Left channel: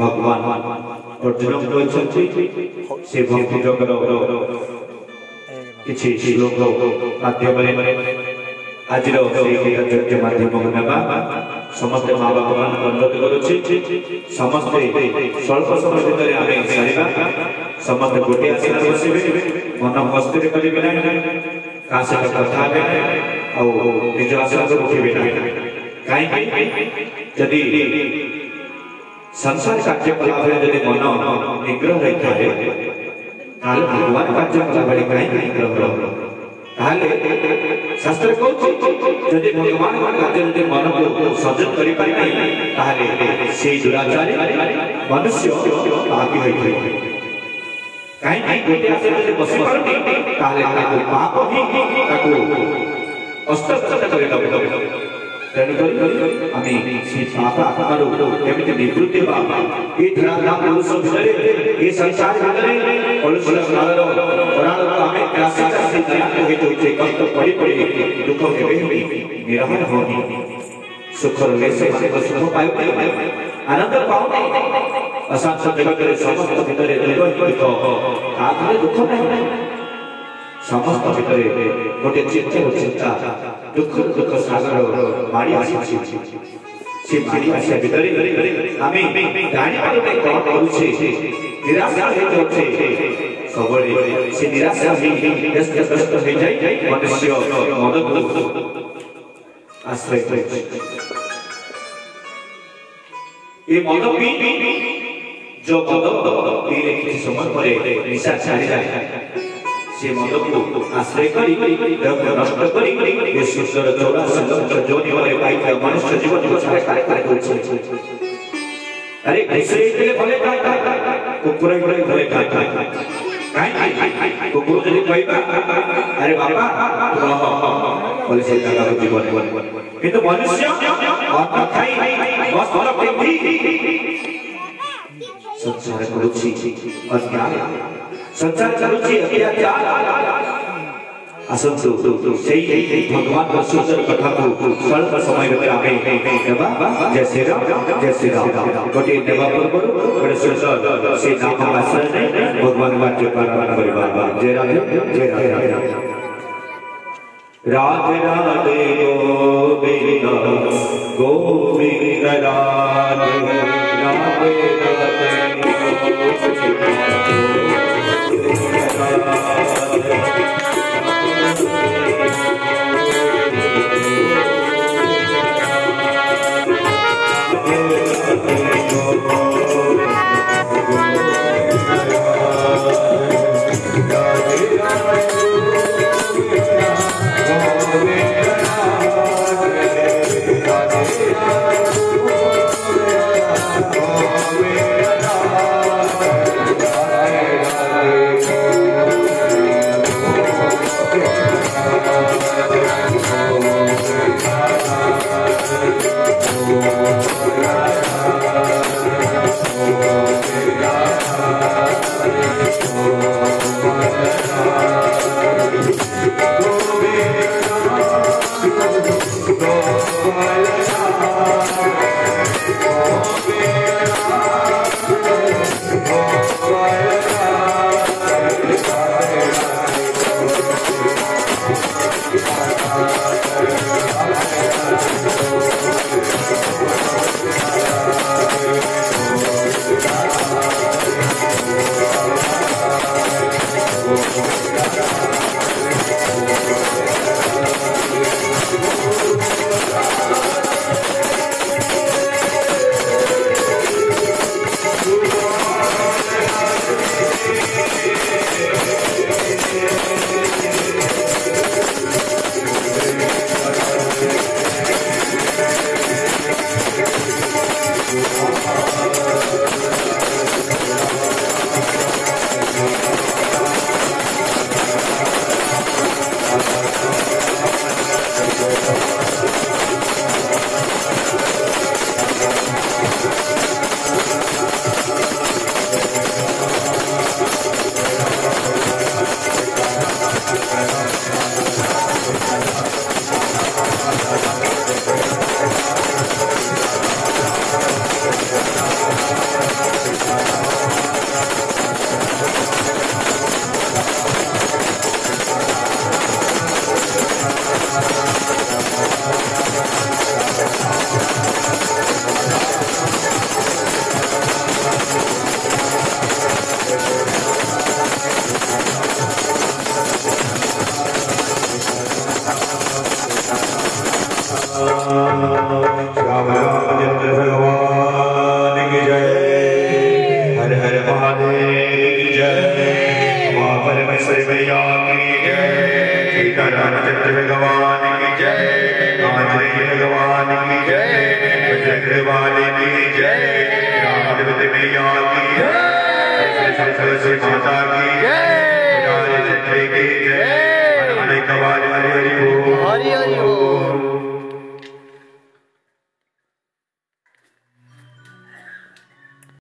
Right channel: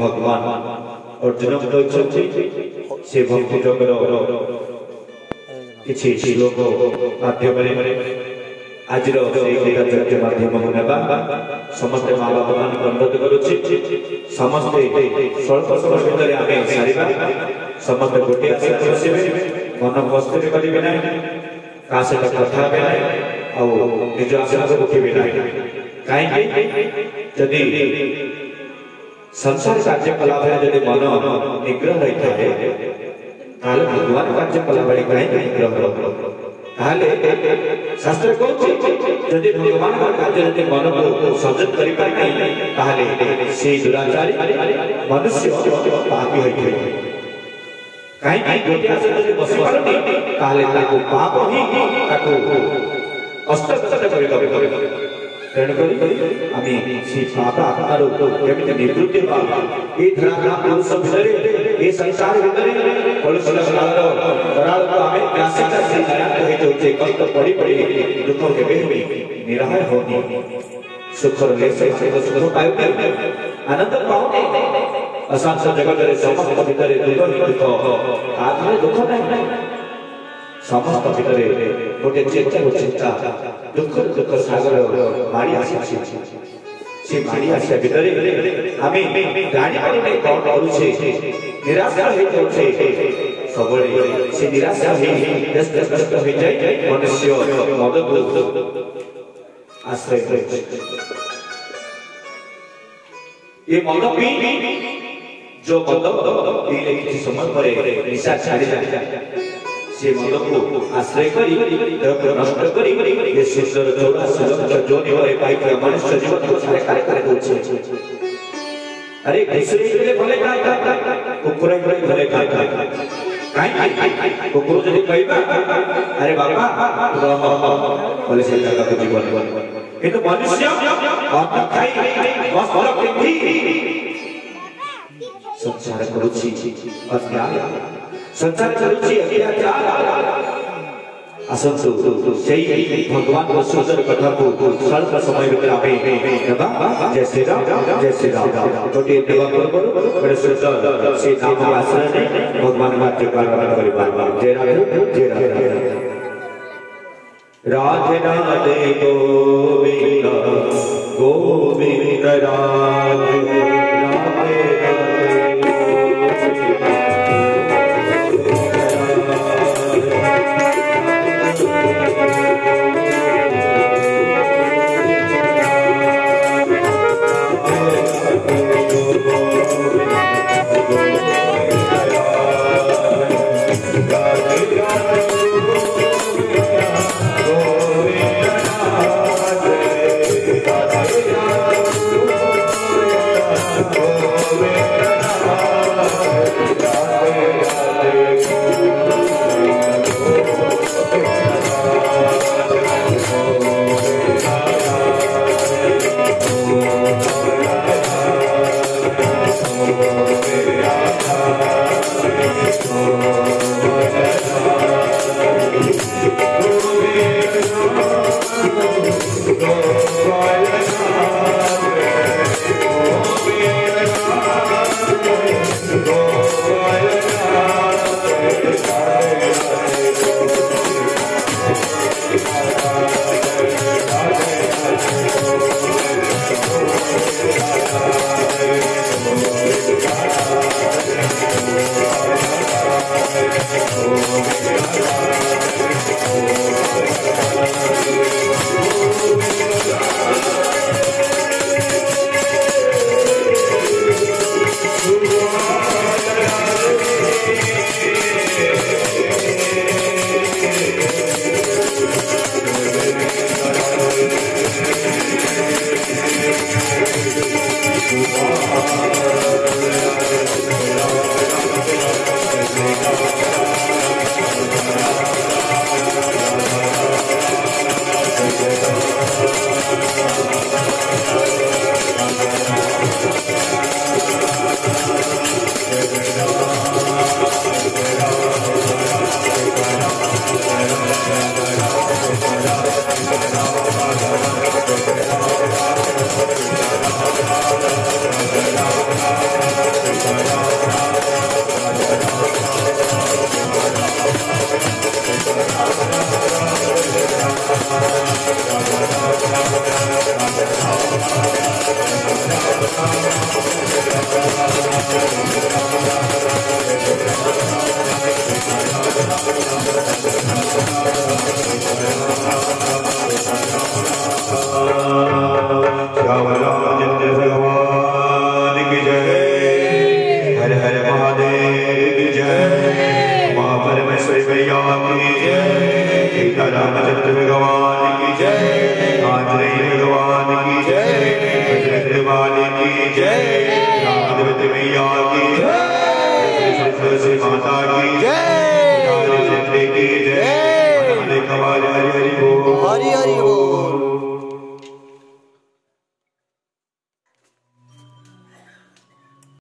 भगवान अर्जुन कहते से भक्ति जगर किसी श्लोक माध्यम आज गीता यज्ञ माध्यम समस्ते माँ बाप मान अनुरोध करुच्छी समस्ते स्वल्प समय भितर आम सारा समस्ते गोटे आसन बसवे मन मस्ती करेंगे ना क्या सहित कथा निज आसन को उठे ना कहीं जदि संसार कार्यकलाप मन निग्रह होता है भगवान कार्यकलाप कहीं निग्रह शास्त्र कहते भगवान कार्य मन को सजग कर से दुराचारी मनुष्य पापी होते कहीं गोटे आसन बस पाप ही हस्तगत कर पाप आत्मार केमी निवृत्ति धराधाम पुरुष भितर संसार कष्ट पड़ी पड़ी दुख निरामय होनी सुख सुख पाए आनंद पाओ अशांत जगत समस्त भितर दुख आत्मा दुख नहीं समस्त भितर गोटे चेतना चिंता दुख दुख सागर मारी आसी से मारी आसा भितर आमे जानी कौन करुछे निराशा हो सब से निराशा व्यस्त हो जाए मनुष्य मद आश्रय ये मद पी जो मद पीले किसी समय पर निशा छाड़ी जाए से मद को आश्रय कर नष्ट कर सुंदर चौरासी जोनि पाई मनुष्य जीवन को अरे भले कुकुर भले कुकुर जब कह अरे बाबा बोले से जीवन किंतु मनुष्य संसार करुछि अन्याय संसार करुछि अत्याचार आसंतु भगवान सुंदर कथा को स्वल्प समय जय श्री राम गोटे देवा पूर्व सुंदर से नाम आश्रय भगवान जय राधे राधे गोविंद गोविंद राधे Oh,